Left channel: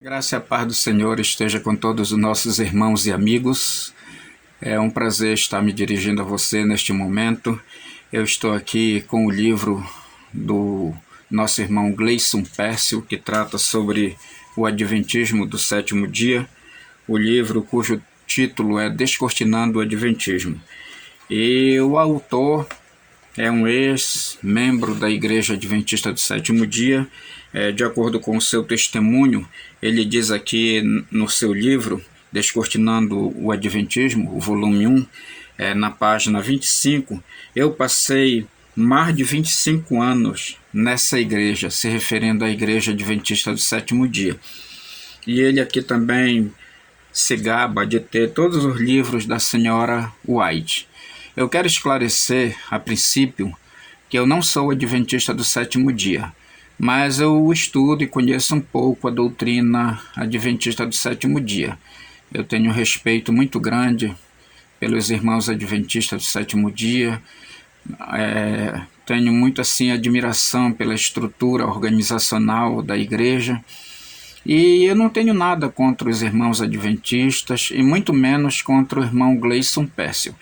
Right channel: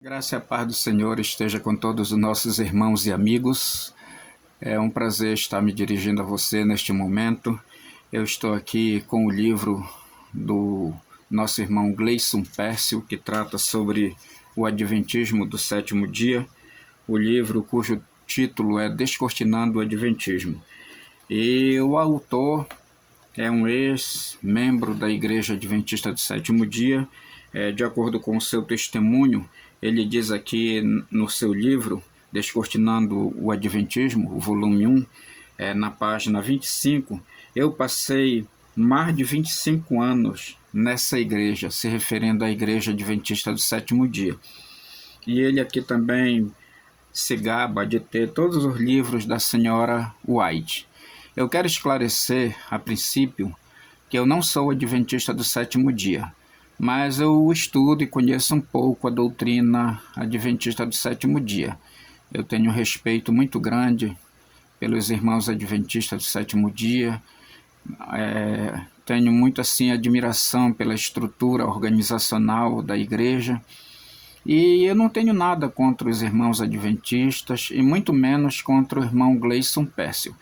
Graça e a paz do Senhor esteja com todos os nossos irmãos e amigos. É um prazer estar me dirigindo a você neste momento. Eu estou aqui com o livro do nosso irmão Gleison Pércio, que trata sobre o Adventismo do sétimo dia. O livro cujo título é Descortinando o Adventismo. E o autor é um ex-membro da Igreja Adventista do Sétimo Dia. De acordo com o seu testemunho, ele diz aqui no seu livro, Descortinando o Adventismo, o volume 1, na página 25, eu passei mais de 25 anos nessa igreja, se referindo à Igreja Adventista do Sétimo Dia. E ele aqui também se gaba de ter todos os livros da senhora White. Eu quero esclarecer, a princípio, que eu não sou adventista do sétimo dia, mas eu estudo e conheço um pouco a doutrina adventista do sétimo dia. Eu tenho um respeito muito grande pelos irmãos adventistas do sétimo dia, tenho muito assim admiração pela estrutura organizacional da igreja, e eu não tenho nada contra os irmãos adventistas e muito menos contra o irmão Gleison Pércio.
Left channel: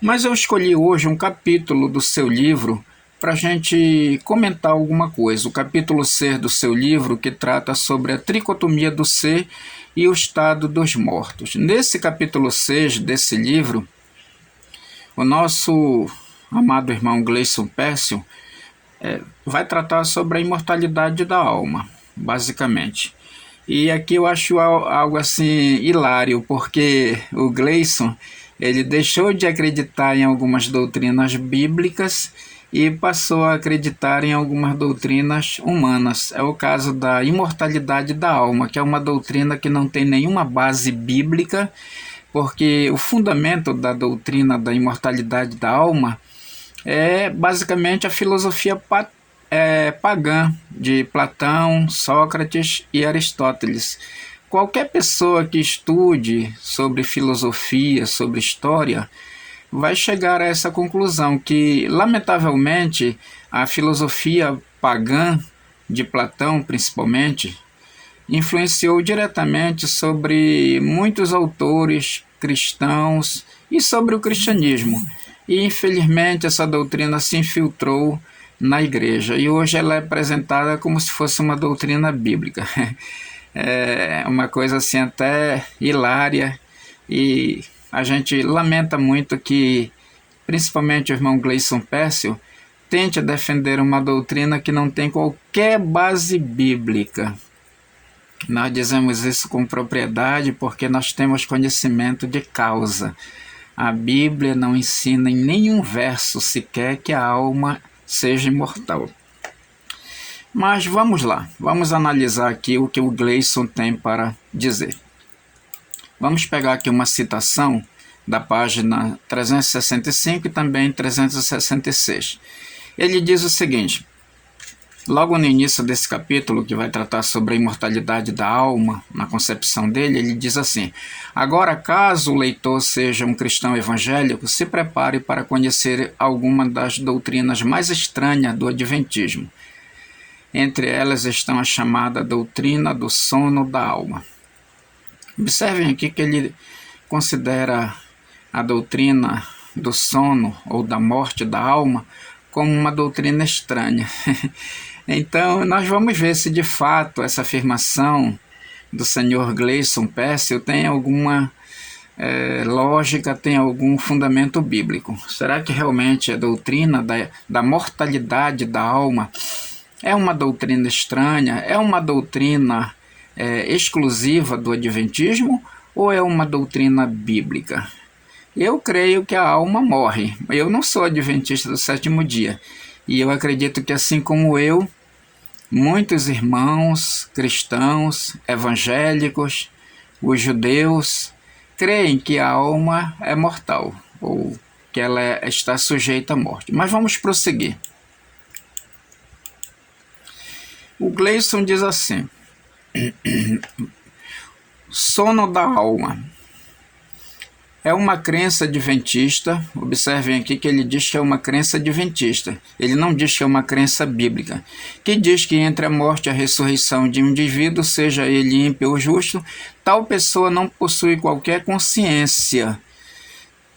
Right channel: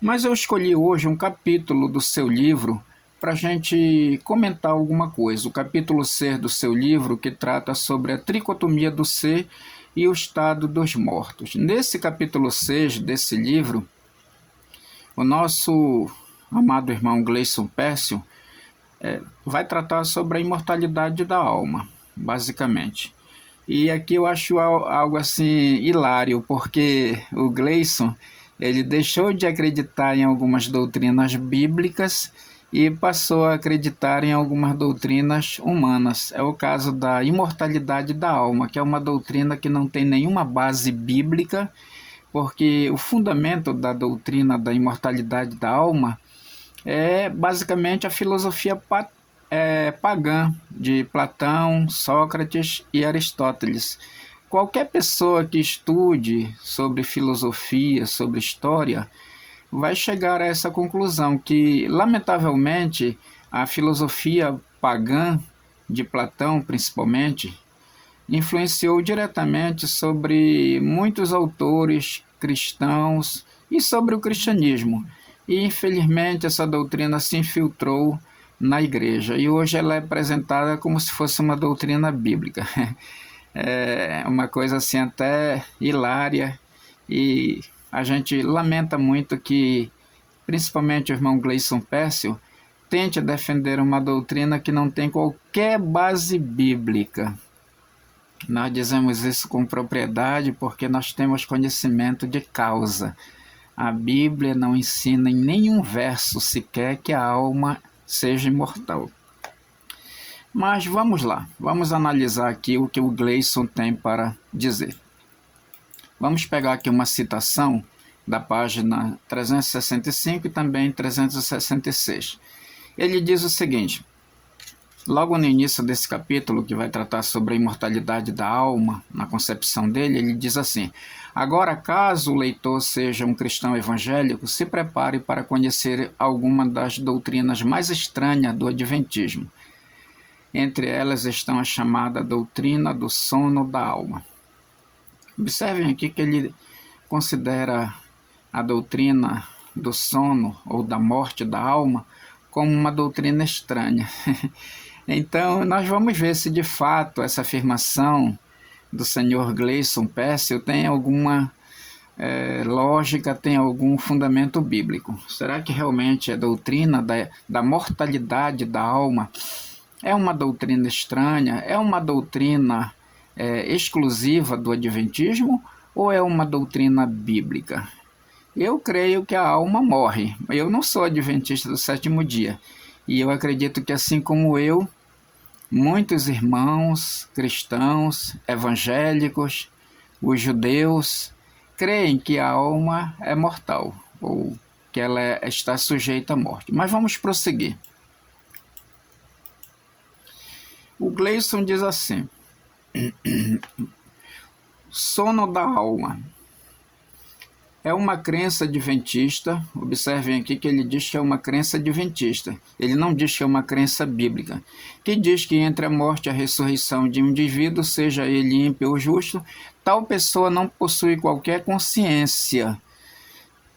Mas eu escolhi hoje um capítulo do seu livro para a gente comentar alguma coisa. O capítulo C do seu livro, que trata sobre a tricotomia do ser e o estado dos mortos. Nesse capítulo 6 desse livro, o nosso amado irmão Gleison Pércio vai tratar sobre a imortalidade da alma, basicamente. E aqui eu acho algo assim hilário, porque o Gleison, ele deixou de acreditar em algumas doutrinas bíblicas e passou a acreditar em algumas doutrinas humanas. É o caso da imortalidade da alma, que é uma doutrina que não tem nenhuma base bíblica, porque o fundamento da doutrina da imortalidade da alma é basicamente a filosofia pagã de Platão, Sócrates e Aristóteles. Qualquer pessoa que estude sobre filosofia, sobre história, vai chegar a essa conclusão que, lamentavelmente, a filosofia pagã de Platão, principalmente, influenciou diretamente sobre muitos autores cristãos e sobre o cristianismo. E, infelizmente, essa doutrina se infiltrou na igreja e hoje ela é apresentada como se fosse uma doutrina bíblica. É uma coisa assim até hilária, e a gente lamenta muito que principalmente o irmão Gleison Pércio tente defender uma doutrina que não tem qualquer base bíblica. Nós dizemos isso com propriedade porque nós temos conhecimento de causa. A Bíblia não ensina em nenhum verso sequer que a alma seja imortal. Mas vamos lá, vamos analisar aqui o que o Gleison tem para dizer. Vamos pegar aqui uma citação da página 365 e também 366. Ele diz o seguinte: logo no início desse capítulo, que vai tratar sobre a imortalidade da alma, na concepção dele, ele diz assim: agora, caso o leitor seja um cristão evangélico, se prepare para conhecer alguma das doutrinas mais estranhas do Adventismo. Entre elas estão a chamada doutrina do sono da alma. Observem aqui que ele considera a doutrina do sono ou da morte da alma como uma doutrina estranha. Então, nós vamos ver se de fato essa afirmação do senhor Gleison Pércio tem alguma lógica, tem algum fundamento bíblico. Será que realmente a doutrina da mortalidade da alma é uma doutrina estranha? É uma doutrina exclusiva do Adventismo ou é uma doutrina bíblica? Eu creio que a alma morre. Eu não sou adventista do sétimo dia. E eu acredito que, assim como eu, muitos irmãos cristãos, evangélicos, os judeus, creem que a alma é mortal, ou que ela está sujeita à morte. Mas vamos prosseguir. O Gleison diz assim: sono da alma. É uma crença adventista. Observem aqui que ele diz que é uma crença adventista. Ele não diz que é uma crença bíblica, que diz que entre a morte e a ressurreição de um indivíduo, seja ele ímpio ou justo, tal pessoa não possui qualquer consciência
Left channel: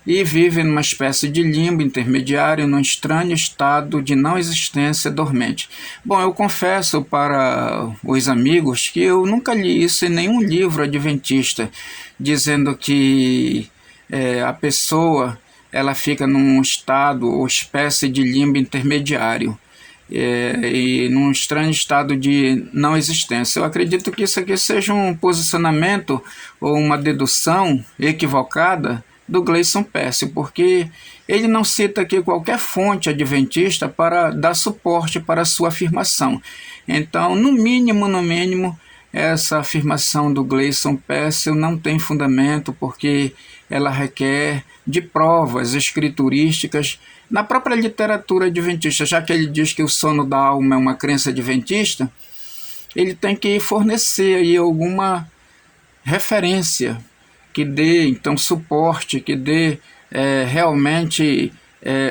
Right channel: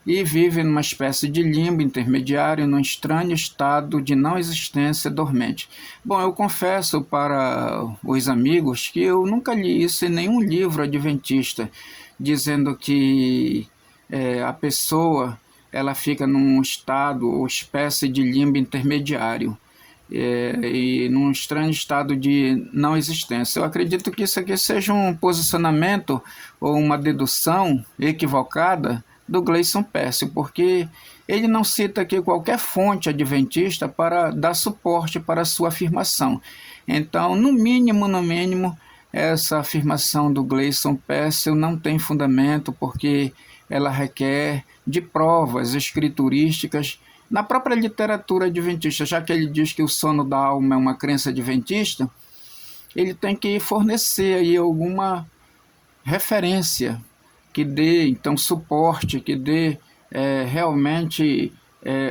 e vive numa espécie de limbo intermediário, num estranho estado de não existência dormente. Bom, eu confesso para os amigos que eu nunca li isso em nenhum livro adventista, dizendo que a pessoa ela fica num estado ou espécie de limbo intermediário. E num estranho estado de não existência. Eu acredito que isso aqui seja um posicionamento ou uma dedução equivocada do Gleison Pércio, porque ele não cita aqui qualquer fonte adventista para dar suporte para a sua afirmação. Então, no mínimo, essa afirmação do Gleison Pércio não tem fundamento, porque ela requer de provas escriturísticas na própria literatura adventista. Já que ele diz que o sono da alma é uma crença adventista, ele tem que fornecer aí alguma referência que dê, então, suporte, que dê realmente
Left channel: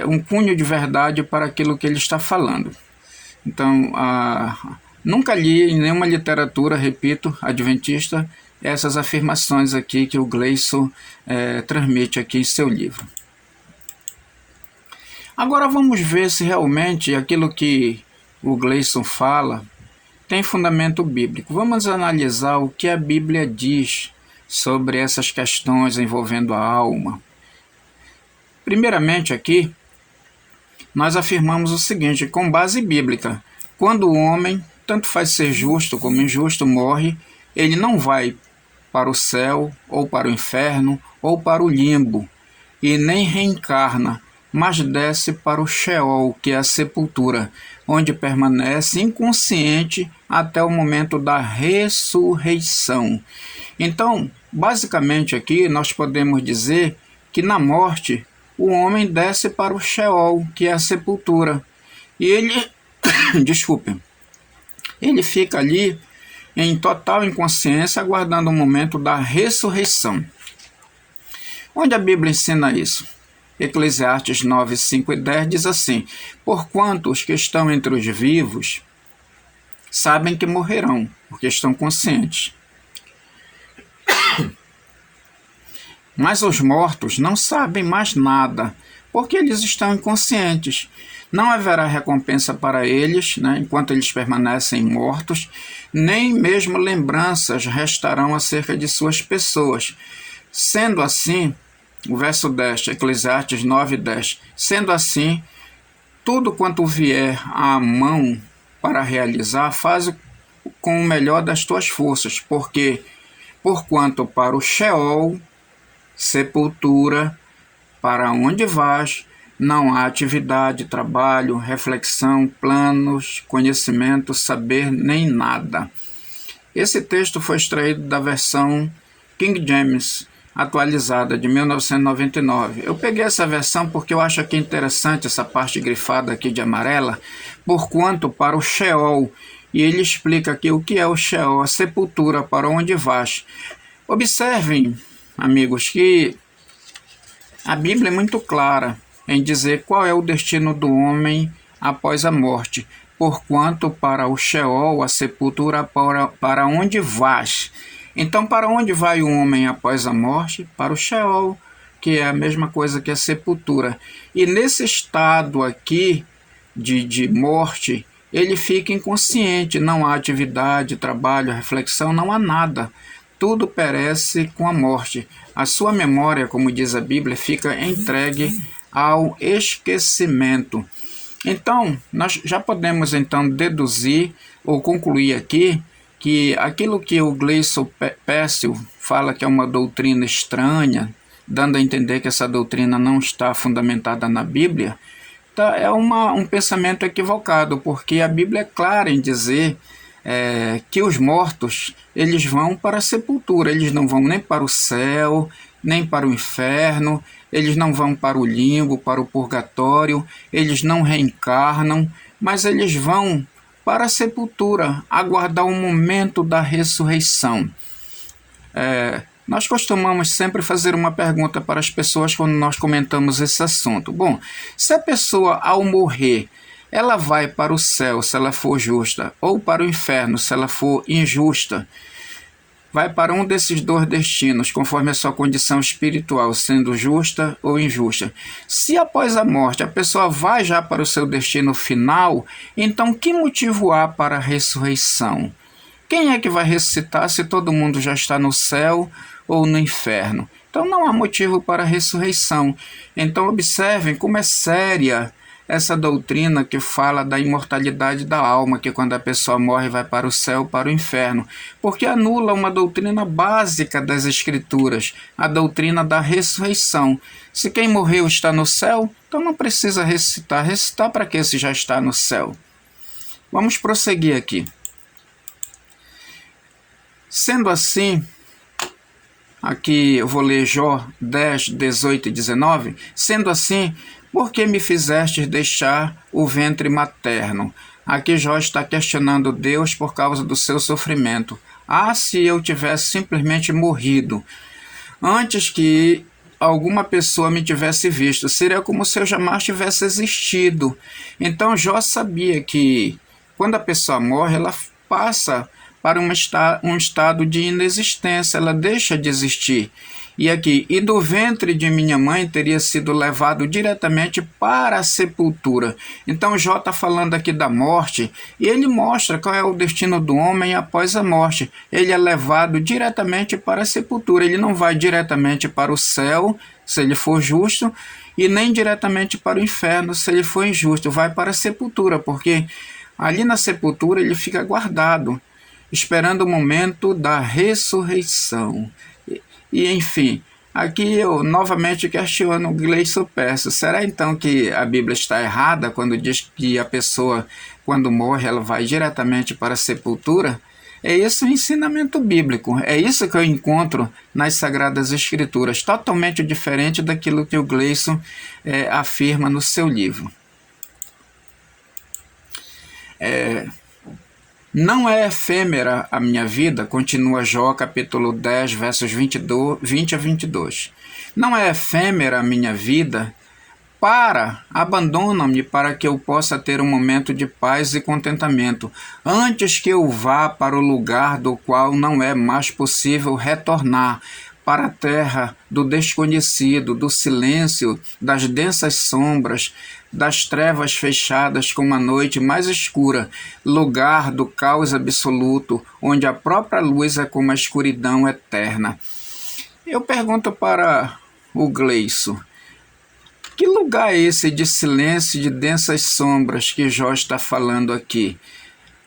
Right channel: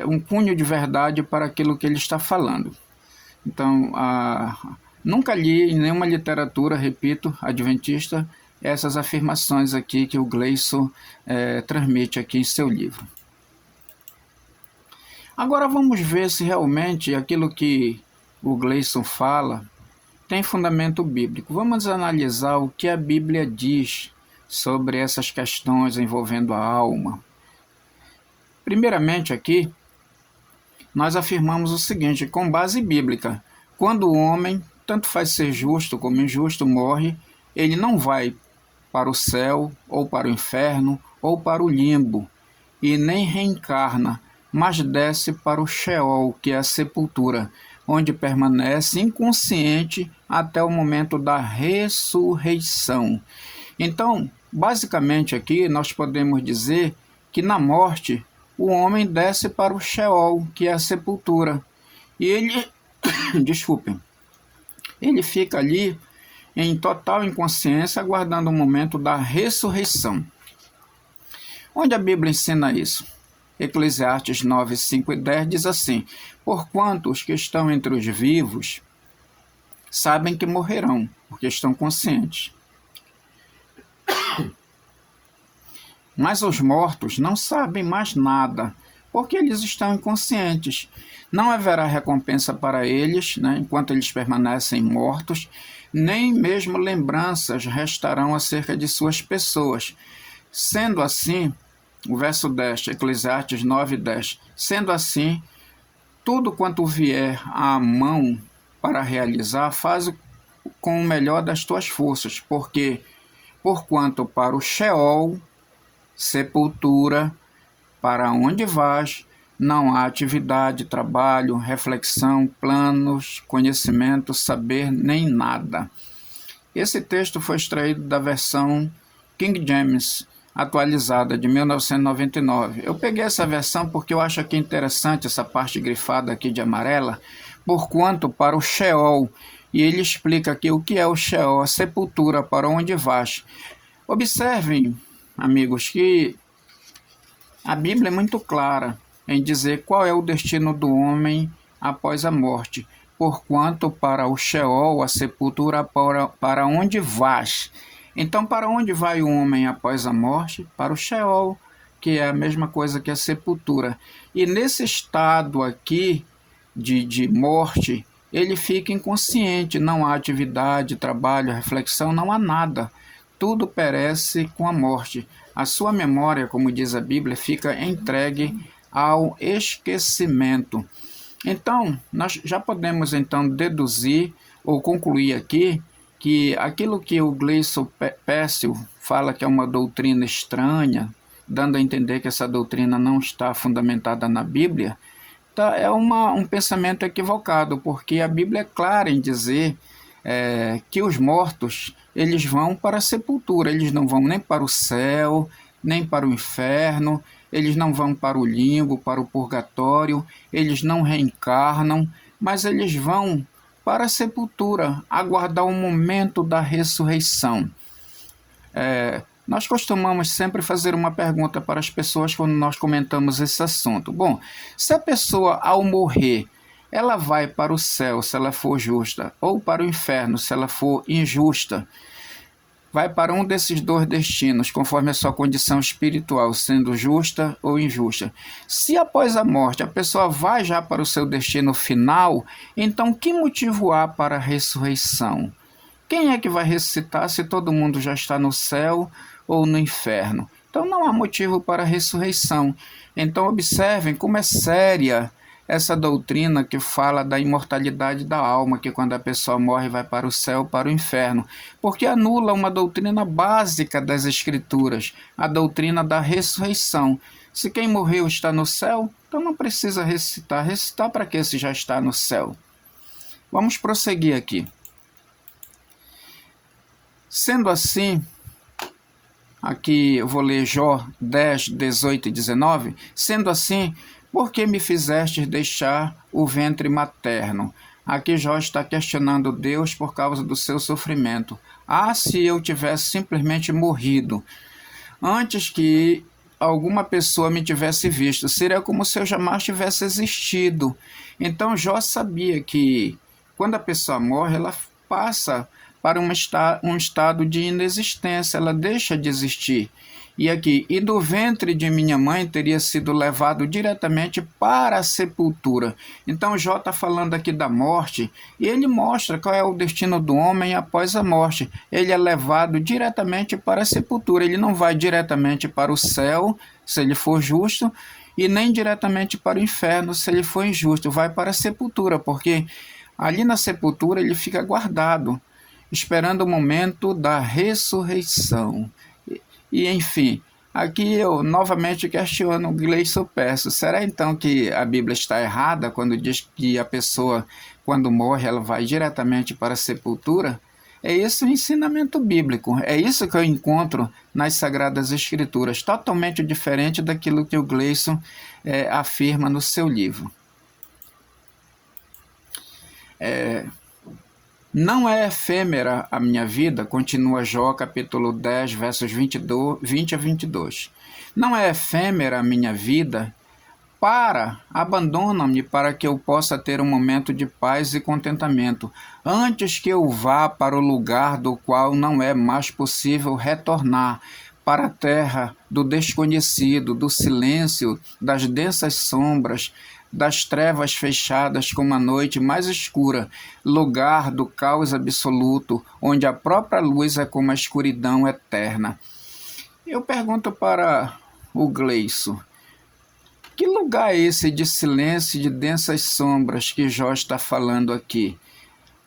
um cunho de verdade para aquilo que ele está falando. Então, nunca li em nenhuma literatura, repito, adventista, essas afirmações aqui que o Gleison transmite aqui em seu livro. Agora vamos ver se realmente aquilo que o Gleison fala tem fundamento bíblico. Vamos analisar o que a Bíblia diz sobre essas questões envolvendo a alma. Primeiramente aqui, nós afirmamos o seguinte, com base bíblica: quando o homem, tanto faz ser justo como injusto, morre, ele não vai para o céu, ou para o inferno, ou para o limbo, e nem reencarna, mas desce para o Sheol, que é a sepultura, onde permanece inconsciente até o momento da ressurreição. Então, basicamente aqui nós podemos dizer que na morte o homem desce para o Sheol, que é a sepultura, e ele, desculpe, ele fica ali em total inconsciência, aguardando o momento da ressurreição. Onde a Bíblia ensina isso? Eclesiastes 9, 5 e 10 diz assim: porquanto os que estão entre os vivos sabem que morrerão, porque estão conscientes. Mas os mortos não sabem mais nada, porque eles estão inconscientes. Não haverá recompensa para eles, enquanto eles permanecem mortos, nem mesmo lembranças restarão acerca de suas pessoas. Sendo assim, o verso 10, Eclesiastes 9, 10, sendo assim, tudo quanto vier à mão para realizar, faz com o melhor das tuas forças, porquanto para o Sheol, sepultura, para onde vais, não há atividade, trabalho, reflexão, planos, conhecimento, saber, nem nada. Esse texto foi extraído da versão King James, atualizada, de 1999. Eu peguei essa versão porque eu acho aqui interessante essa parte grifada aqui de amarela, porquanto para o Sheol, e ele explica aqui o que é o Sheol, a sepultura, para onde vais. Observem, amigos, que a Bíblia é muito clara em dizer qual é o destino do homem após a morte, porquanto para o Sheol, a sepultura, para onde vais. Então, para onde vai o homem após a morte? Para o Sheol, que é a mesma coisa que a sepultura. E nesse estado aqui de morte, ele fica inconsciente, não há atividade, trabalho, reflexão, não há nada. Tudo perece com a morte. A sua memória, como diz a Bíblia, fica entregue ao esquecimento. Então, nós já podemos então deduzir ou concluir aqui que aquilo que o Gleison Pércio fala que é uma doutrina estranha, dando a entender que essa doutrina não está fundamentada na Bíblia, é um pensamento equivocado, porque a Bíblia é clara em dizer que os mortos eles vão para a sepultura, eles não vão nem para o céu, nem para o inferno, eles não vão para o limbo, para o purgatório, eles não reencarnam, mas eles vão para a sepultura, aguardar o momento da ressurreição. Nós costumamos sempre fazer uma pergunta para as pessoas quando nós comentamos esse assunto. Bom, se a pessoa ao morrer, ela vai para o céu se ela for justa, ou para o inferno se ela for injusta, vai para um desses dois destinos, conforme a sua condição espiritual, sendo justa ou injusta. Se após a morte a pessoa vai já para o seu destino final, então que motivo há para a ressurreição? Quem é que vai ressuscitar se todo mundo já está no céu ou no inferno? Então não há motivo para a ressurreição. Então observem como é séria essa doutrina que fala da imortalidade da alma, que quando a pessoa morre vai para o céu ou para o inferno, porque anula uma doutrina básica das Escrituras, a doutrina da ressurreição. Se quem morreu está no céu, então não precisa ressuscitar. Ressuscitar para que se já está no céu? Vamos prosseguir aqui. Sendo assim, aqui eu vou ler Jó 10, 18 e 19. Sendo assim, por que me fizestes deixar o ventre materno? Aqui Jó está questionando Deus por causa do seu sofrimento. Ah, se eu tivesse simplesmente morrido antes que alguma pessoa me tivesse visto, seria como se eu jamais tivesse existido. Então Jó sabia que quando a pessoa morre, ela passa para um estado de inexistência, ela deixa de existir. E aqui, e do ventre de minha mãe teria sido levado diretamente para a sepultura. Então Jó está falando aqui da morte, e ele mostra qual é o destino do homem após a morte. Ele é levado diretamente para a sepultura, ele não vai diretamente para o céu, se ele for justo, e nem diretamente para o inferno, se ele for injusto. Vai para a sepultura, porque ali na sepultura ele fica guardado, esperando o momento da ressurreição. E enfim, aqui eu novamente questiono o Gleison Perso. Será então que a Bíblia está errada quando diz que a pessoa, quando morre, ela vai diretamente para a sepultura? É esse o ensinamento bíblico, é isso que eu encontro nas Sagradas Escrituras, totalmente diferente daquilo que o Gleison afirma no seu livro. Não é efêmera a minha vida, continua Jó, capítulo 10, versos 20 a 22. Não é efêmera a minha vida, abandona-me para que eu possa ter um momento de paz e contentamento, antes que eu vá para o lugar do qual não é mais possível retornar, para a terra do desconhecido, do silêncio, das densas sombras, das trevas fechadas como a noite mais escura, lugar do caos absoluto, onde a própria luz é como a escuridão eterna. Eu pergunto para o Gleison, que lugar é esse de silêncio e de densas sombras que Jó está falando aqui?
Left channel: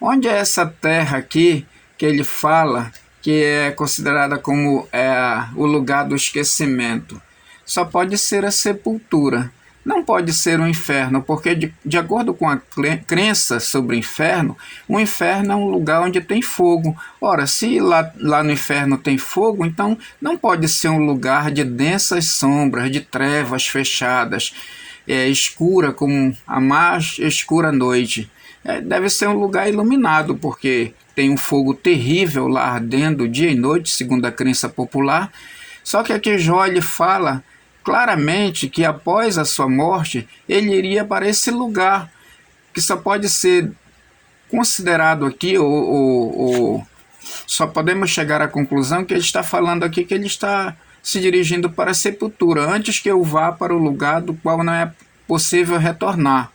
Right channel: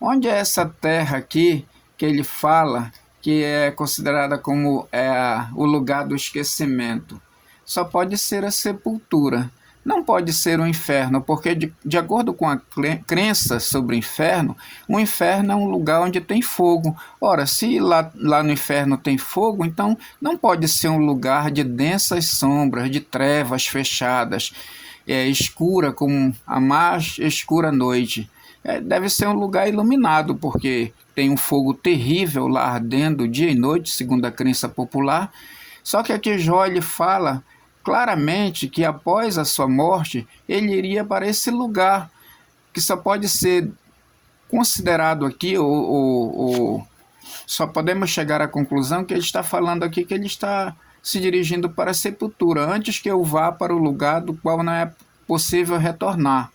Onde é essa terra aqui que ele fala que é considerada como o lugar do esquecimento? Só pode ser a sepultura. Não pode ser o inferno, porque de acordo com a crença sobre o inferno é um lugar onde tem fogo. Ora, se lá no inferno tem fogo, então não pode ser um lugar de densas sombras, de trevas fechadas, escura como a mais escura noite. Deve ser um lugar iluminado, porque tem um fogo terrível lá ardendo dia e noite, segundo a crença popular. Só que aqui Jó ele fala claramente que após a sua morte, ele iria para esse lugar, que só pode ser considerado aqui, ou só podemos chegar à conclusão que ele está falando aqui que ele está se dirigindo para a sepultura, antes que eu vá para o lugar do qual não é possível retornar,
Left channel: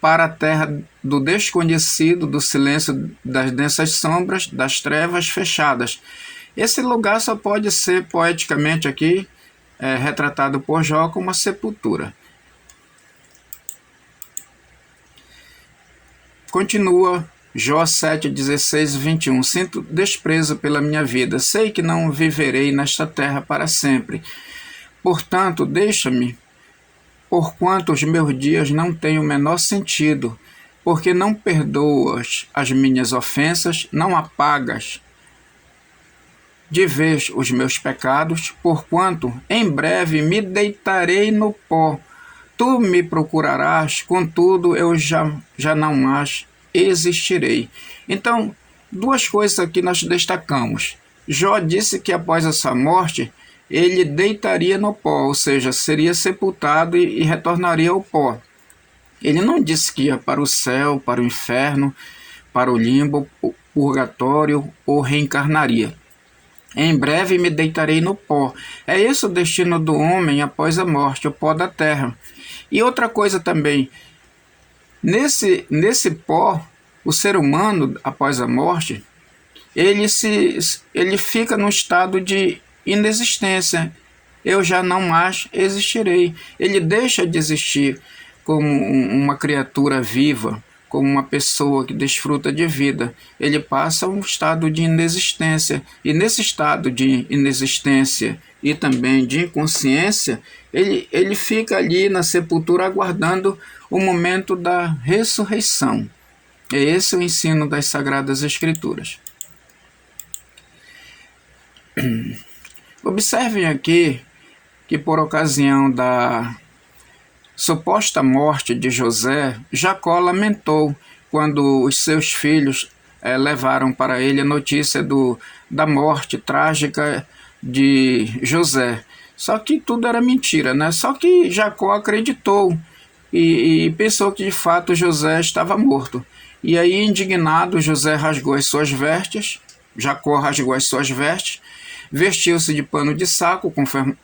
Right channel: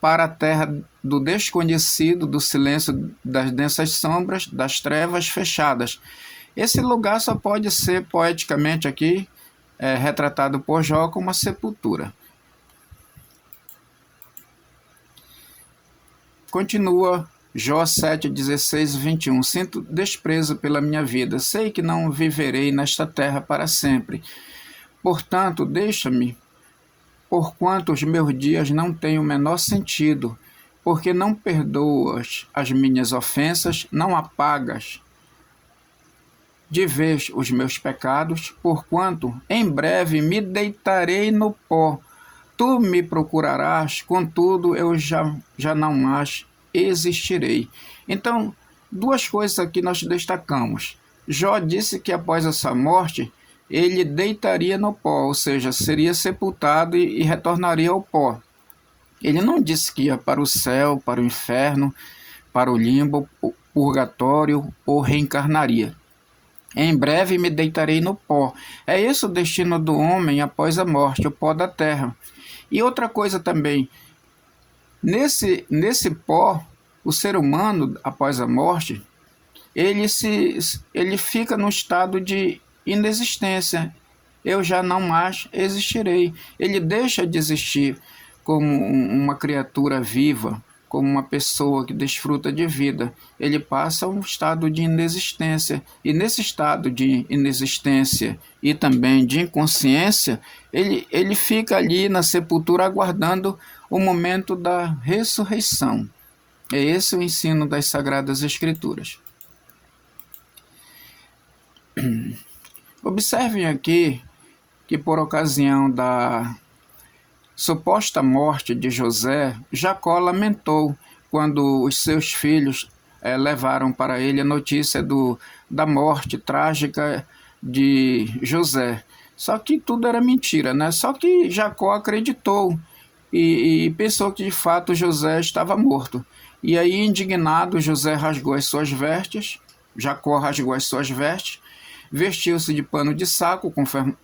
para a terra do desconhecido, do silêncio, das densas sombras, das trevas fechadas. Esse lugar só pode ser poeticamente aqui retratado por Jó como a sepultura. Continua Jó 7, 16 e 21. Sinto desprezo pela minha vida, sei que não viverei nesta terra para sempre. Portanto, deixa-me, porquanto os meus dias não têm o menor sentido, porque não perdoas as minhas ofensas, não apagas de vez os meus pecados, porquanto em breve me deitarei no pó. Tu me procurarás, contudo eu já não mais existirei. Então, duas coisas aqui nós destacamos. Jó disse que após a sua morte, ele deitaria no pó, ou seja, seria sepultado e retornaria ao pó. Ele não disse que ia para o céu, para o inferno, para o limbo, o purgatório ou reencarnaria. Em breve me deitarei no pó. É esse o destino do homem após a morte, o pó da terra. E outra coisa também, nesse pó, o ser humano, após a morte, ele fica no estado de inexistência. Eu já não mais existirei. Ele deixa de existir como uma criatura viva, como uma pessoa que desfruta de vida. Ele passa a um estado de inexistência. E nesse estado de inexistência e também de inconsciência, ele fica ali na sepultura aguardando o momento da ressurreição. É esse o ensino das Sagradas Escrituras. Observem aqui que, por ocasião da suposta morte de José, Jacó lamentou quando os seus filhos levaram para ele a notícia da morte trágica de José. Só que tudo era mentira, né? Só que Jacó acreditou e pensou que de fato José estava morto. E aí, indignado, José rasgou as suas vestes, Jacó rasgou as suas vestes, vestiu-se de pano de saco,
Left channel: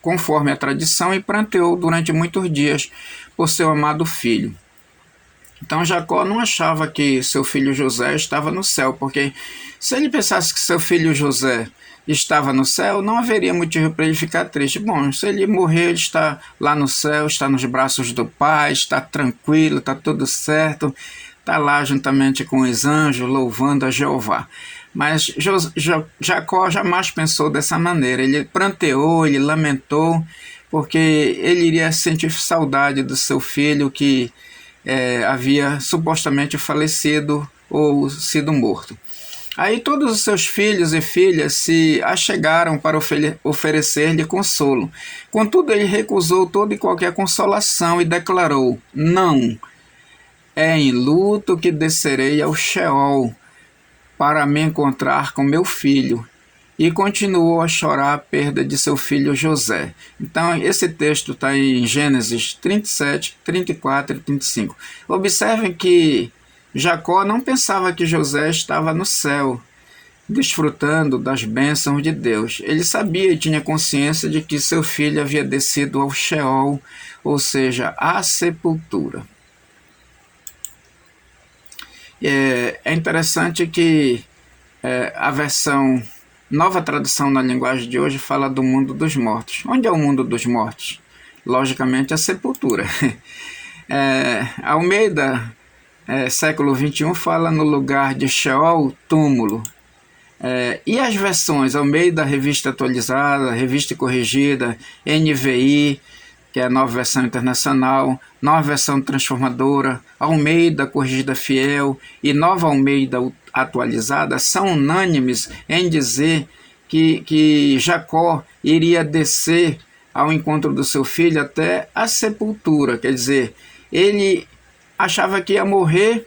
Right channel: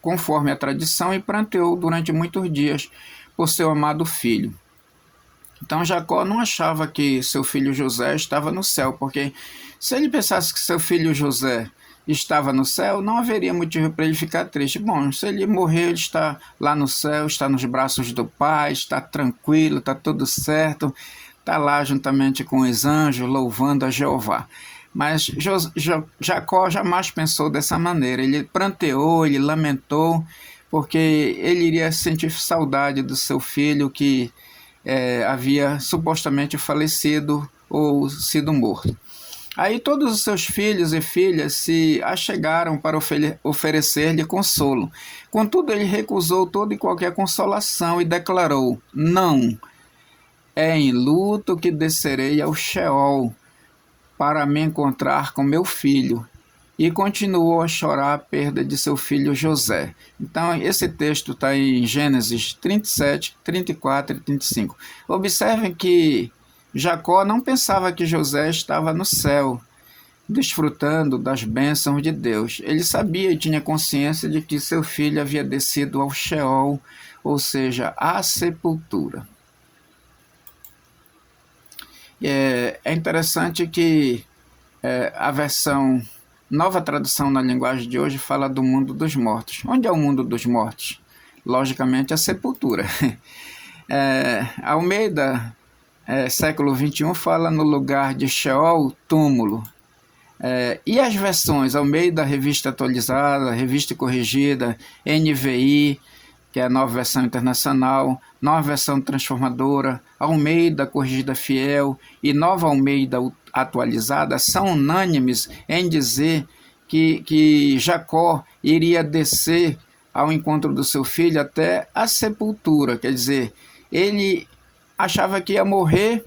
conforme a tradição, e pranteou durante muitos dias por seu amado filho. Então Jacó não achava que seu filho José estava no céu, porque se ele pensasse que seu filho José estava no céu, não haveria motivo para ele ficar triste. Bom, se ele morrer, ele está lá no céu, está nos braços do Pai, está tranquilo, está tudo certo, está lá juntamente com os anjos, louvando a Jeová. Mas Jacó jamais pensou dessa maneira. Ele pranteou, ele lamentou, porque ele iria sentir saudade do seu filho que havia supostamente falecido ou sido morto. Aí todos os seus filhos e filhas se achegaram para oferecer-lhe consolo. Contudo, ele recusou toda e qualquer consolação e declarou: não, é em luto que descerei ao Sheol para me encontrar com meu filho. E continuou a chorar a perda de seu filho José. Então, esse texto está em Gênesis 37, 34 e 35. Observem que Jacó não pensava que José estava no céu, desfrutando das bênçãos de Deus. Ele sabia e tinha consciência de que seu filho havia descido ao Sheol, ou seja, à sepultura. É interessante que a versão Nova Tradução na linguagem de hoje fala do mundo dos mortos. Onde é o mundo dos mortos? Logicamente, a sepultura. Almeida, século XXI, fala no lugar de Sheol, túmulo. E as versões Almeida, Revista Atualizada, Revista Corrigida, NVI, que é a Nova Versão Internacional, Nova Versão Transformadora, Almeida Corrigida Fiel e Nova Almeida Atualizada, são unânimes em dizer que Jacó iria descer ao encontro do seu filho até a sepultura. Quer dizer, ele achava que ia morrer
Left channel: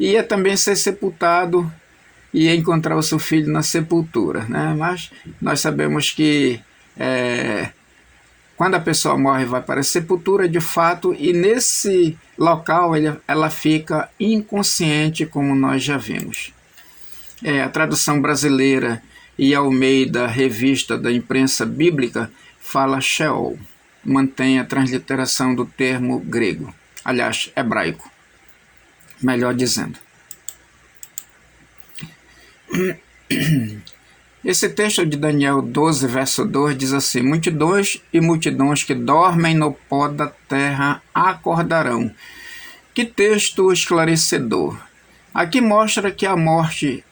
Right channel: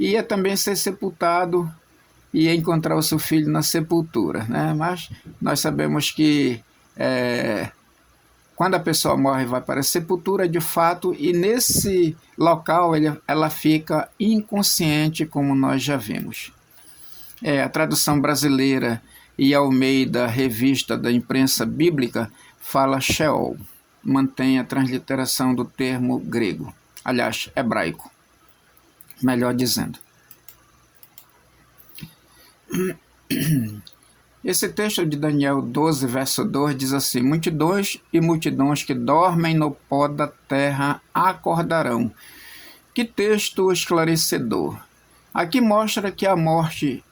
e ia também ser sepultado e ia encontrar o seu filho na sepultura, né? Mas nós sabemos que quando a pessoa morre, vai para a sepultura de fato, e nesse local ela fica inconsciente, como nós já vimos. A tradução brasileira e Almeida, Revista da Imprensa Bíblica, fala Sheol, mantém a transliteração do termo grego, aliás, hebraico, melhor dizendo. Esse texto de Daniel 12, verso 2 diz assim: multidões e multidões que dormem no pó da terra acordarão. Que texto esclarecedor! Aqui mostra que a morte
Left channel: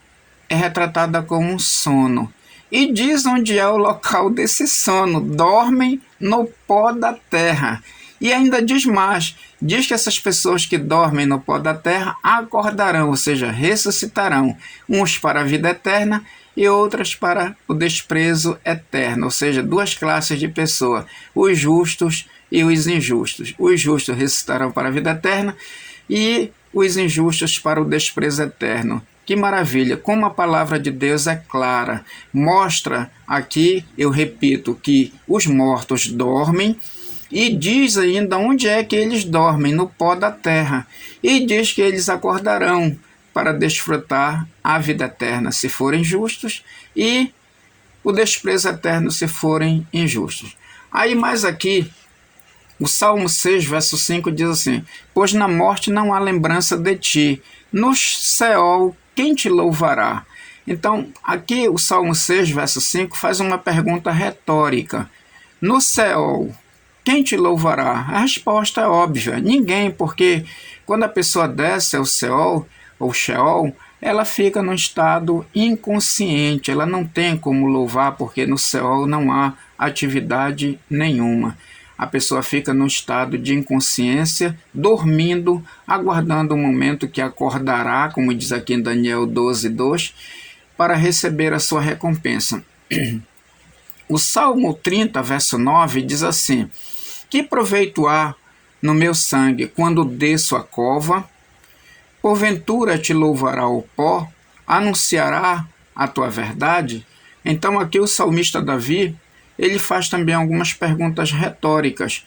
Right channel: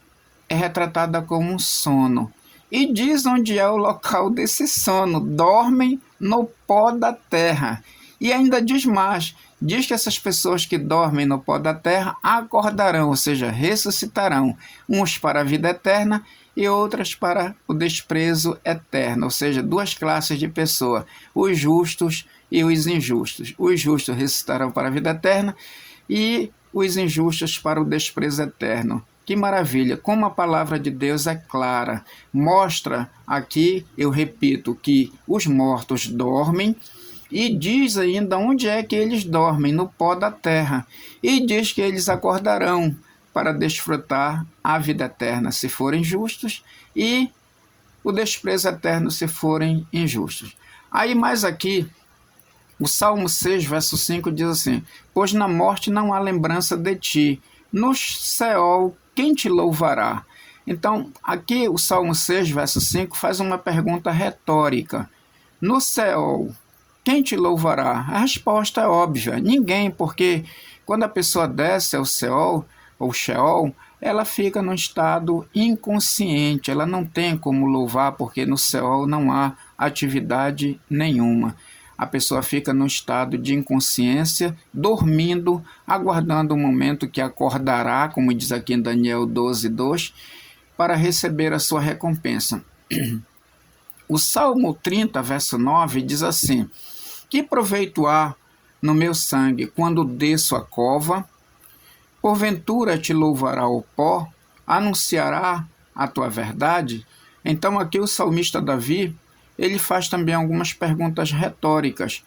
é retratada como um sono. E diz onde é o local desse sono: dormem no pó da terra. E ainda diz mais, diz que essas pessoas que dormem no pó da terra acordarão, ou seja, ressuscitarão, uns para a vida eterna e outras para o desprezo eterno, ou seja, duas classes de pessoas, os justos e os injustos. Os justos ressuscitarão para a vida eterna e os injustos para o desprezo eterno, Que maravilha, como a palavra de Deus é clara. Mostra aqui, eu repito, que os mortos dormem e diz ainda onde é que eles dormem, no pó da terra. E diz que eles acordarão para desfrutar a vida eterna se forem justos e o desprezo eterno se forem injustos. Aí mais aqui, o Salmo 6, verso 5 diz assim: pois na morte não há lembrança de ti, no Seol quem te louvará? Então, aqui o Salmo 6, verso 5 faz uma pergunta retórica. No Seol, quem te louvará? A resposta é óbvia, ninguém, porque quando a pessoa desce ao Seol, ou Sheol, ela fica num estado inconsciente, ela não tem como louvar, porque no Seol não há atividade nenhuma. A pessoa fica num estado de inconsciência, dormindo, aguardando o momento que acordará, como diz aqui em Daniel 12:2, para receber a sua recompensa. O Salmo 30, verso 9, diz assim: que proveito há no meu sangue quando desço a cova? Porventura te louvará o pó? Anunciará a tua verdade? Então aqui o salmista Davi, ele faz também algumas perguntas retóricas.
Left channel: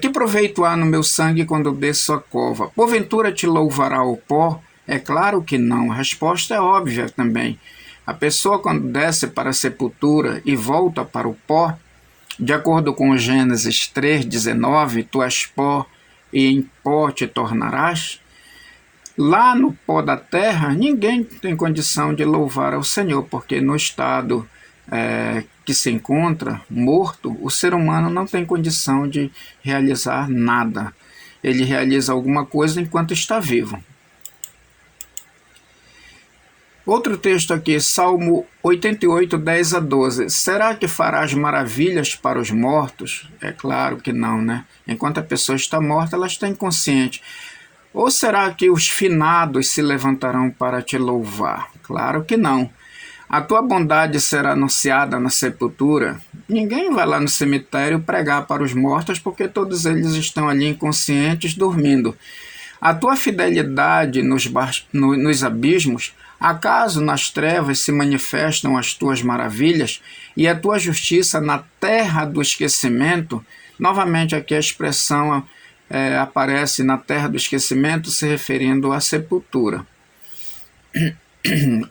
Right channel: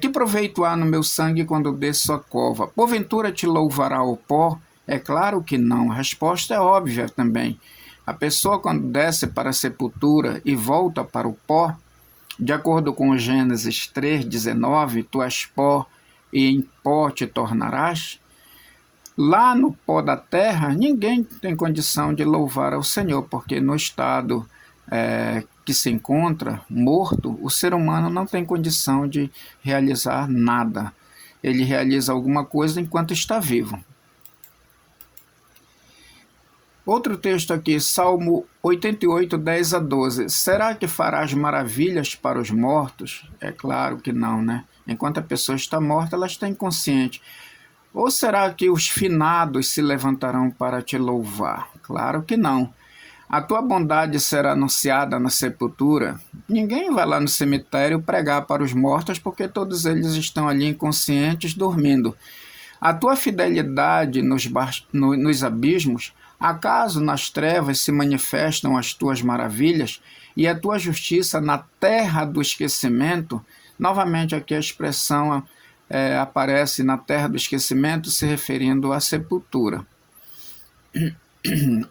Que proveito há no meu sangue quando desço a cova? Porventura te louvará o pó? É claro que não, a resposta é óbvia também. A pessoa quando desce para a sepultura e volta para o pó, de acordo com Gênesis 3:19, tu és pó e em pó te tornarás. Lá no pó da terra, ninguém tem condição de louvar ao Senhor, porque no estado que se encontra morto, o ser humano não tem condição de realizar nada. Ele realiza alguma coisa enquanto está vivo. Outro texto aqui, Salmo 88, 10-12. Será que farás maravilhas para os mortos? É claro que não, né? Enquanto a pessoa está morta, ela está inconsciente. Ou será que os finados se levantarão para te louvar? Claro que não. A tua bondade será anunciada na sepultura. Ninguém vai lá no cemitério pregar para os mortos, porque todos eles estão ali inconscientes, dormindo. A tua fidelidade nos abismos, acaso nas trevas se manifestam as tuas maravilhas, e a tua justiça na terra do esquecimento? Novamente aqui a expressão aparece na terra do esquecimento, se referindo à sepultura.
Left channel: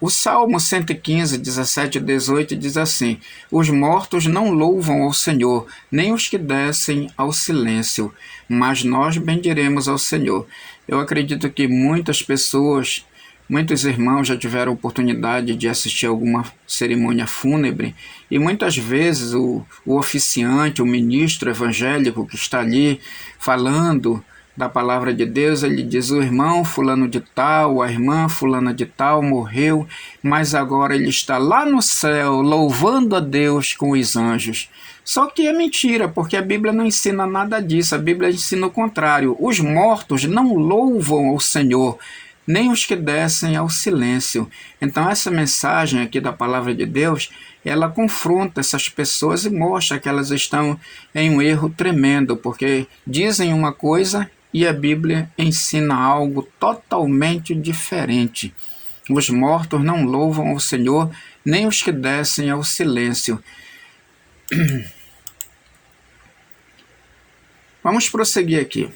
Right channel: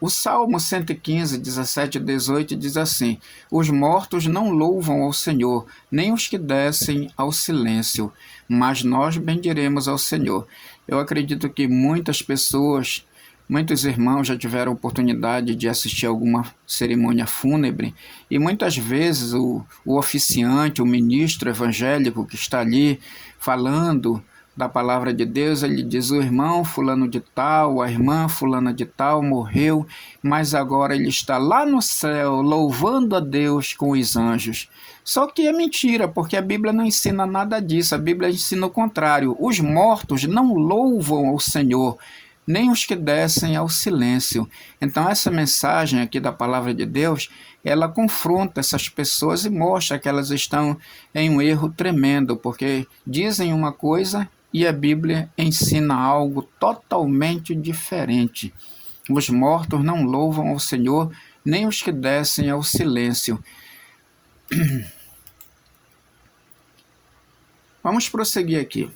O Salmo 115, 17-18 diz assim: os mortos não louvam ao Senhor, nem os que descem ao silêncio, mas nós bendiremos ao Senhor. Eu acredito que muitas pessoas, muitos irmãos já tiveram a oportunidade de assistir alguma cerimônia fúnebre, e muitas vezes o oficiante, o ministro evangélico que está ali falando da palavra de Deus, ele diz: o irmão fulano de tal, a irmã fulana de tal morreu, mas agora ele está lá no céu louvando a Deus com os anjos. Só que é mentira, porque a Bíblia não ensina nada disso, a Bíblia ensina o contrário. Os mortos não louvam ao Senhor, nem os que descem ao silêncio. Então essa mensagem aqui da palavra de Deus, ela confronta essas pessoas e mostra que elas estão em um erro tremendo, porque dizem uma coisa e a Bíblia ensina algo totalmente diferente. Os mortos não louvam ao Senhor, nem os que descem ao silêncio. Vamos prosseguir aqui,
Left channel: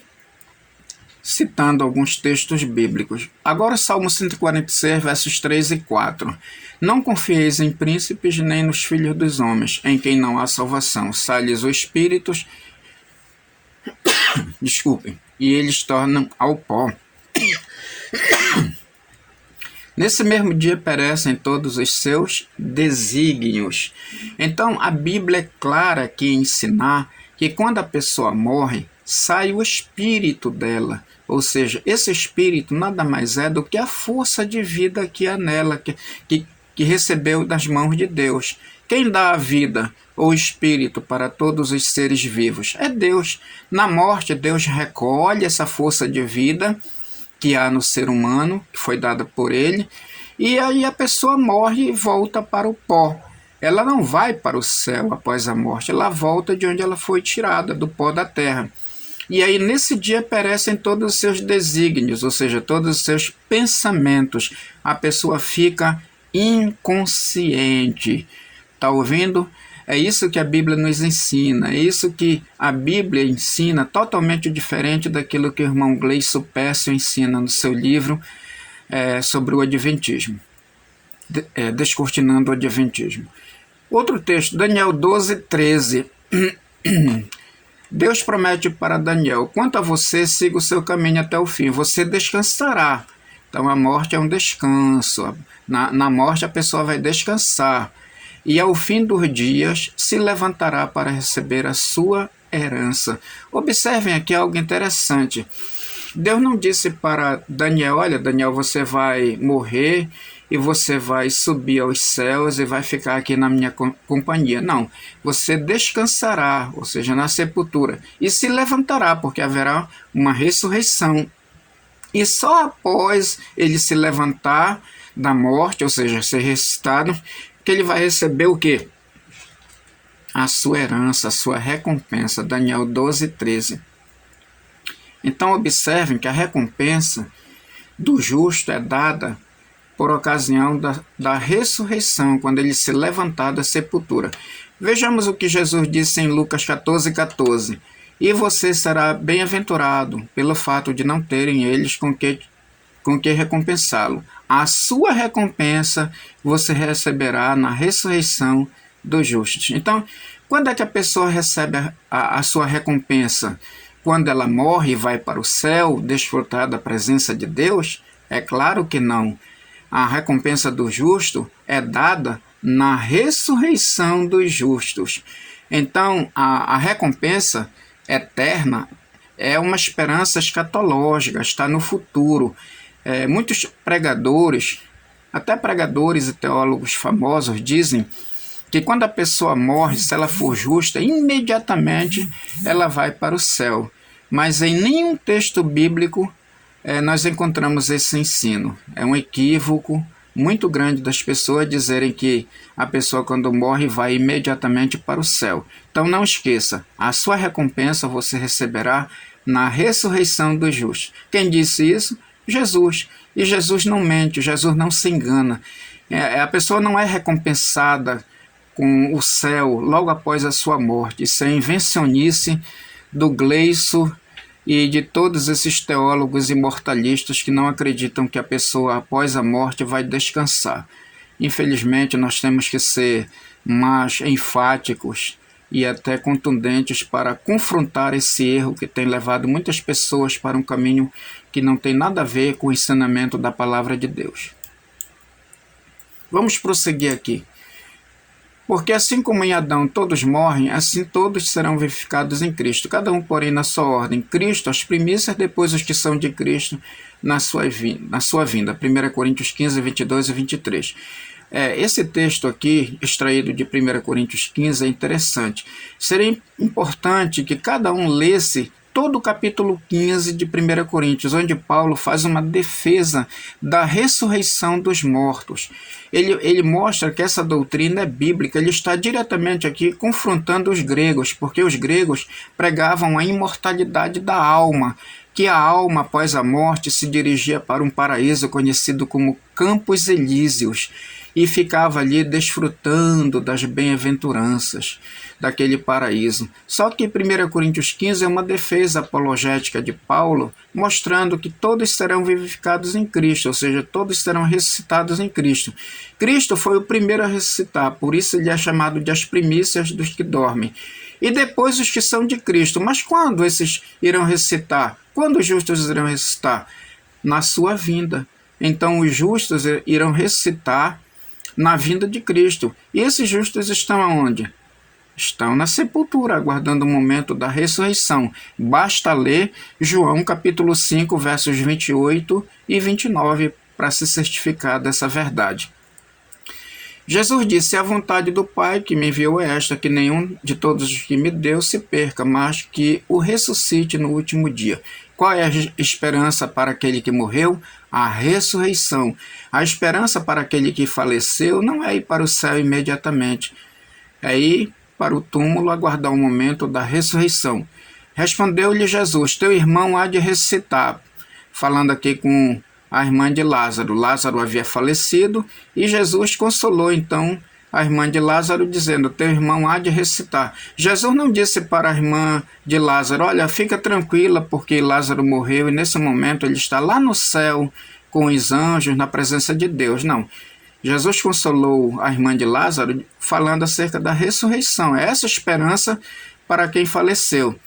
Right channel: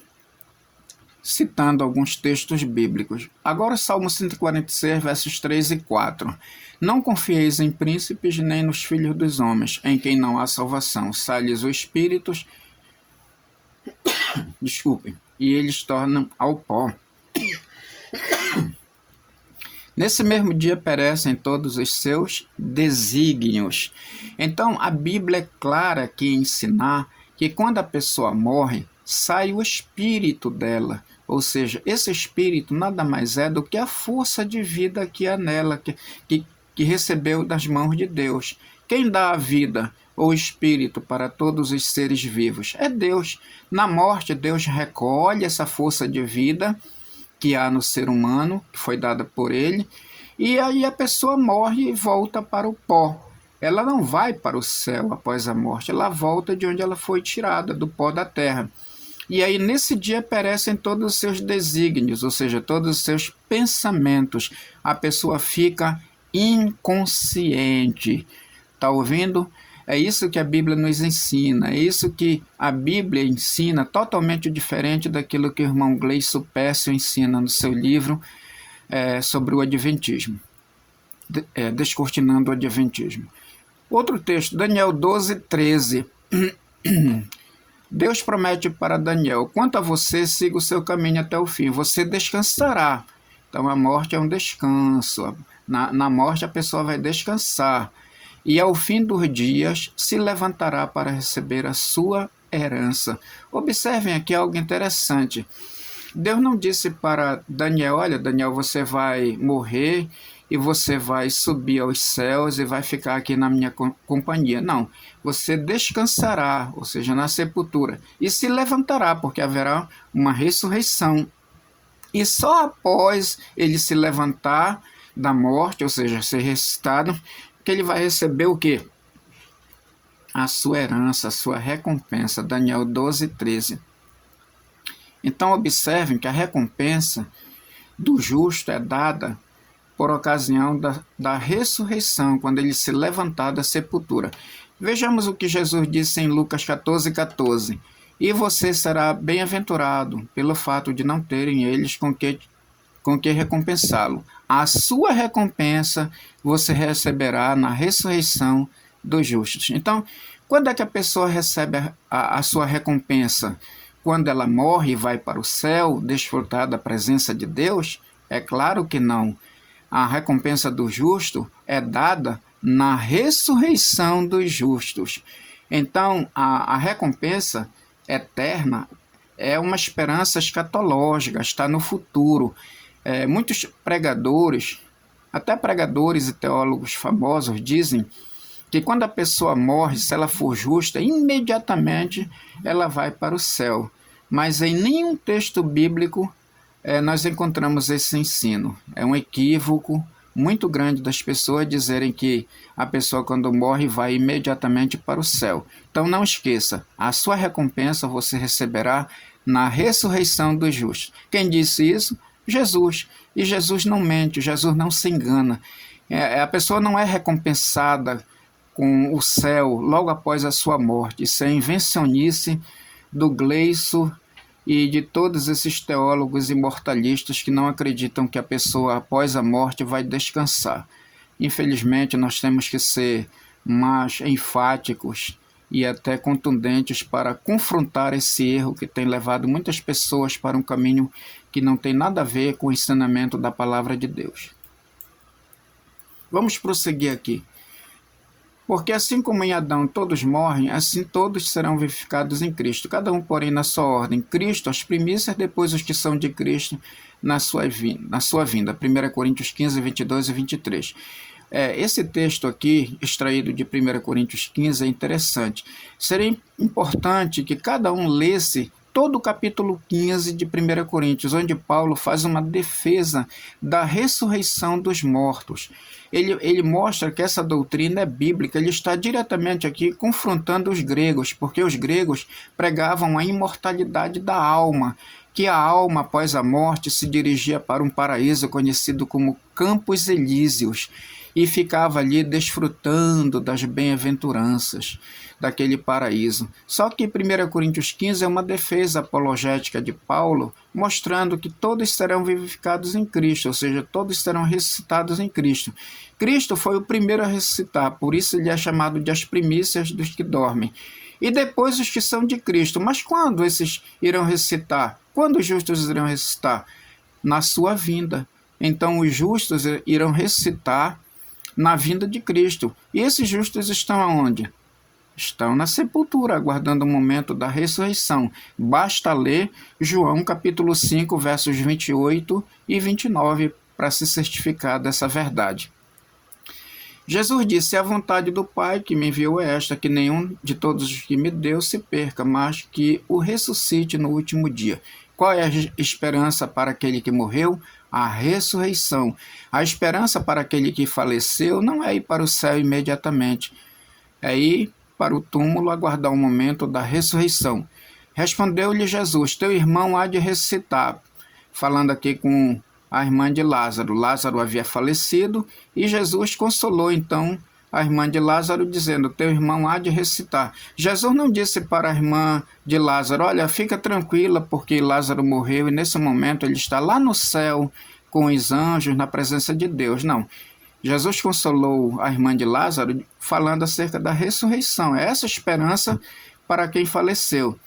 citando alguns textos bíblicos. Agora Salmo 146, versos 3 e 4. Não confieis em príncipes, nem nos filhos dos homens, em quem não há salvação. Sai-lhes o espírito, e eles tornam ao pó. Nesse mesmo dia perecem todos os seus desígnios. Então a Bíblia é clara aqui em ensinar que quando a pessoa morre, sai o espírito dela. Ou seja, esse espírito nada mais é do que a força de vida que há nela, que recebeu das mãos de Deus. Quem dá a vida ou espírito para todos os seres vivos? É Deus. Na morte, Deus recolhe essa força de vida que há no ser humano, que foi dada por ele, e aí a pessoa morre e volta para o pó. Ela não vai para o céu após a morte, ela volta de onde ela foi tirada, do pó da terra. E aí nesse dia perecem todos os seus desígnios, ou seja, todos os seus pensamentos. A pessoa fica inconsciente. Está ouvindo? É isso que a Bíblia nos ensina, é isso que a Bíblia ensina, totalmente diferente daquilo que o irmão Gleison Pércio ensina no seu livro sobre o Adventismo, Descortinando o Adventismo. Outro texto, Daniel 12, 13. Deus promete para Daniel: quanto a você, siga o seu caminho até o fim, você descansará. Então a morte é um descanso, na morte a pessoa vai descansar. E ao fim dos dias se levantará para receber a sua herança. Observem aqui algo interessante. Deus não disse para Daniel: olha, Daniel, você vai morrer e você vai subir aos céus e vai ficar aqui na minha companhia. Não, você descansará, ou seja, na sepultura, e se levantará, porque haverá uma ressurreição. E só após ele se levantar da morte, ou seja, ser ressuscitado, que ele vai receber o quê? A sua herança, a sua recompensa. Daniel 12, 13. Então observem que a recompensa do justo é dada por ocasião da ressurreição, quando ele se levantar da sepultura. Vejamos o que Jesus disse em Lucas 14, 14. E você será bem-aventurado pelo fato de não terem eles com que recompensá-lo. A sua recompensa você receberá na ressurreição dos justos. Então, quando é que a pessoa recebe a sua recompensa? Quando ela morre e vai para o céu, desfrutar da presença de Deus? É claro que não. A recompensa do justo é dada na ressurreição dos justos. Então, a recompensa eterna é uma esperança escatológica, está no futuro. Muitos pregadores, até pregadores e teólogos famosos, dizem que quando a pessoa morre, se ela for justa, imediatamente ela vai para o céu. Mas em nenhum texto bíblico nós encontramos esse ensino. É um equívoco muito grande das pessoas dizerem que a pessoa quando morre vai imediatamente para o céu. Então não esqueça, a sua recompensa você receberá na ressurreição dos justos. Quem disse isso? Jesus. E Jesus não mente, Jesus não se engana. A pessoa não é recompensada com o céu logo após a sua morte. Isso é invencionice do Gleison e de todos esses teólogos imortalistas que não acreditam que a pessoa após a morte vai descansar. Infelizmente, nós temos que ser mais enfáticos e até contundentes para confrontar esse erro que tem levado muitas pessoas para um caminho que não tem nada a ver com o ensinamento da palavra de Deus. Vamos prosseguir aqui. Porque assim como em Adão todos morrem, assim todos serão vivificados em Cristo, cada um, porém, na sua ordem. Cristo, as primícias, depois os que são de Cristo na sua vinda. 1 Coríntios 15, 22 e 23. Esse texto aqui, extraído de 1 Coríntios 15, é interessante. Seria importante que cada um lesse todo o capítulo 15 de 1 Coríntios, onde Paulo faz uma defesa da ressurreição dos mortos. Ele mostra que essa doutrina é bíblica, ele está diretamente aqui confrontando os gregos, porque os gregos pregavam a imortalidade da alma, que a alma após a morte se dirigia para um paraíso conhecido como Campos Elíseos, e ficava ali desfrutando das bem-aventuranças daquele paraíso. Só que 1 Coríntios 15 é uma defesa apologética de Paulo, mostrando que todos serão vivificados em Cristo, ou seja, todos serão ressuscitados em Cristo. Cristo foi o primeiro a ressuscitar, por isso ele é chamado de as primícias dos que dormem. E depois os que são de Cristo. Mas quando esses irão ressuscitar? Quando os justos irão ressuscitar? Na sua vinda. Então os justos irão ressuscitar na vinda de Cristo. E esses justos estão aonde? Estão na sepultura, aguardando o momento da ressurreição. Basta ler João capítulo 5, versos 28 e 29 para se certificar dessa verdade. Jesus disse: a vontade do Pai que me enviou é esta, que nenhum de todos os que me deu se perca, mas que o ressuscite no último dia. Qual é a esperança para aquele que morreu? A ressurreição. A esperança para aquele que faleceu não é ir para o céu imediatamente, é ir para o túmulo aguardar o momento da ressurreição. Respondeu-lhe Jesus: teu irmão há de ressuscitar. Falando aqui com a irmã de Lázaro. Lázaro havia falecido e Jesus consolou então a irmã de Lázaro, dizendo: teu irmão há de ressuscitar. Jesus não disse para a irmã de Lázaro: olha, fica tranquila, porque Lázaro morreu e nesse momento ele está lá no céu com os anjos, na presença de Deus. Não. Jesus consolou a irmã de Lázaro falando acerca da ressurreição. É essa esperança para quem faleceu.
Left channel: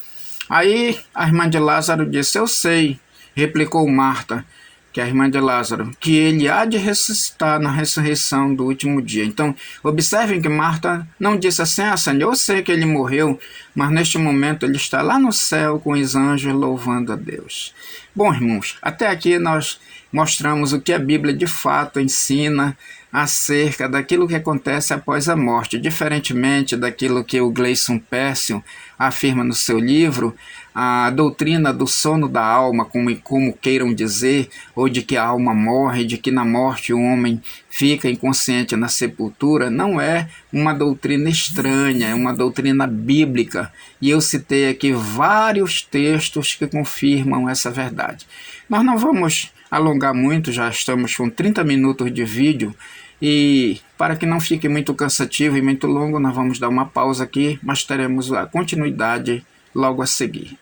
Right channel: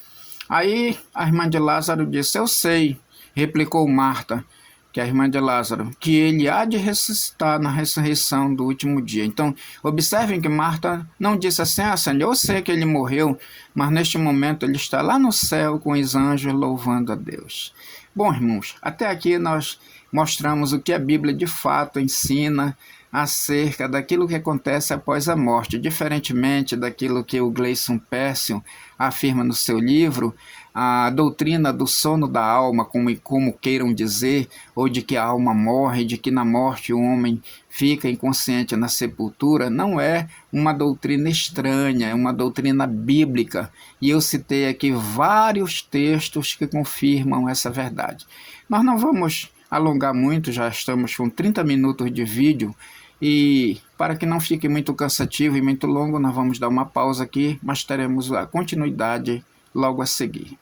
Aí a irmã de Lázaro disse: eu sei, replicou Marta, que é a irmã de Lázaro, que ele há de ressuscitar na ressurreição do último dia. Então, observem que Marta não disse assim: Senhor, eu sei que ele morreu, mas neste momento ele está lá no céu com os anjos louvando a Deus. Bom, irmãos, até aqui nós mostramos o que a Bíblia de fato ensina acerca daquilo que acontece após a morte. Diferentemente daquilo que o Gleison Pércio afirma no seu livro, a doutrina do sono da alma, como queiram dizer, ou de que a alma morre, de que na morte o homem fica inconsciente na sepultura, não é uma doutrina estranha, é uma doutrina bíblica. E eu citei aqui vários textos que confirmam essa verdade. Nós não vamos alongar muito, já estamos com 30 minutos de vídeo, e para que não fique muito cansativo e muito longo, nós vamos dar uma pausa aqui, mas teremos a continuidade logo a seguir.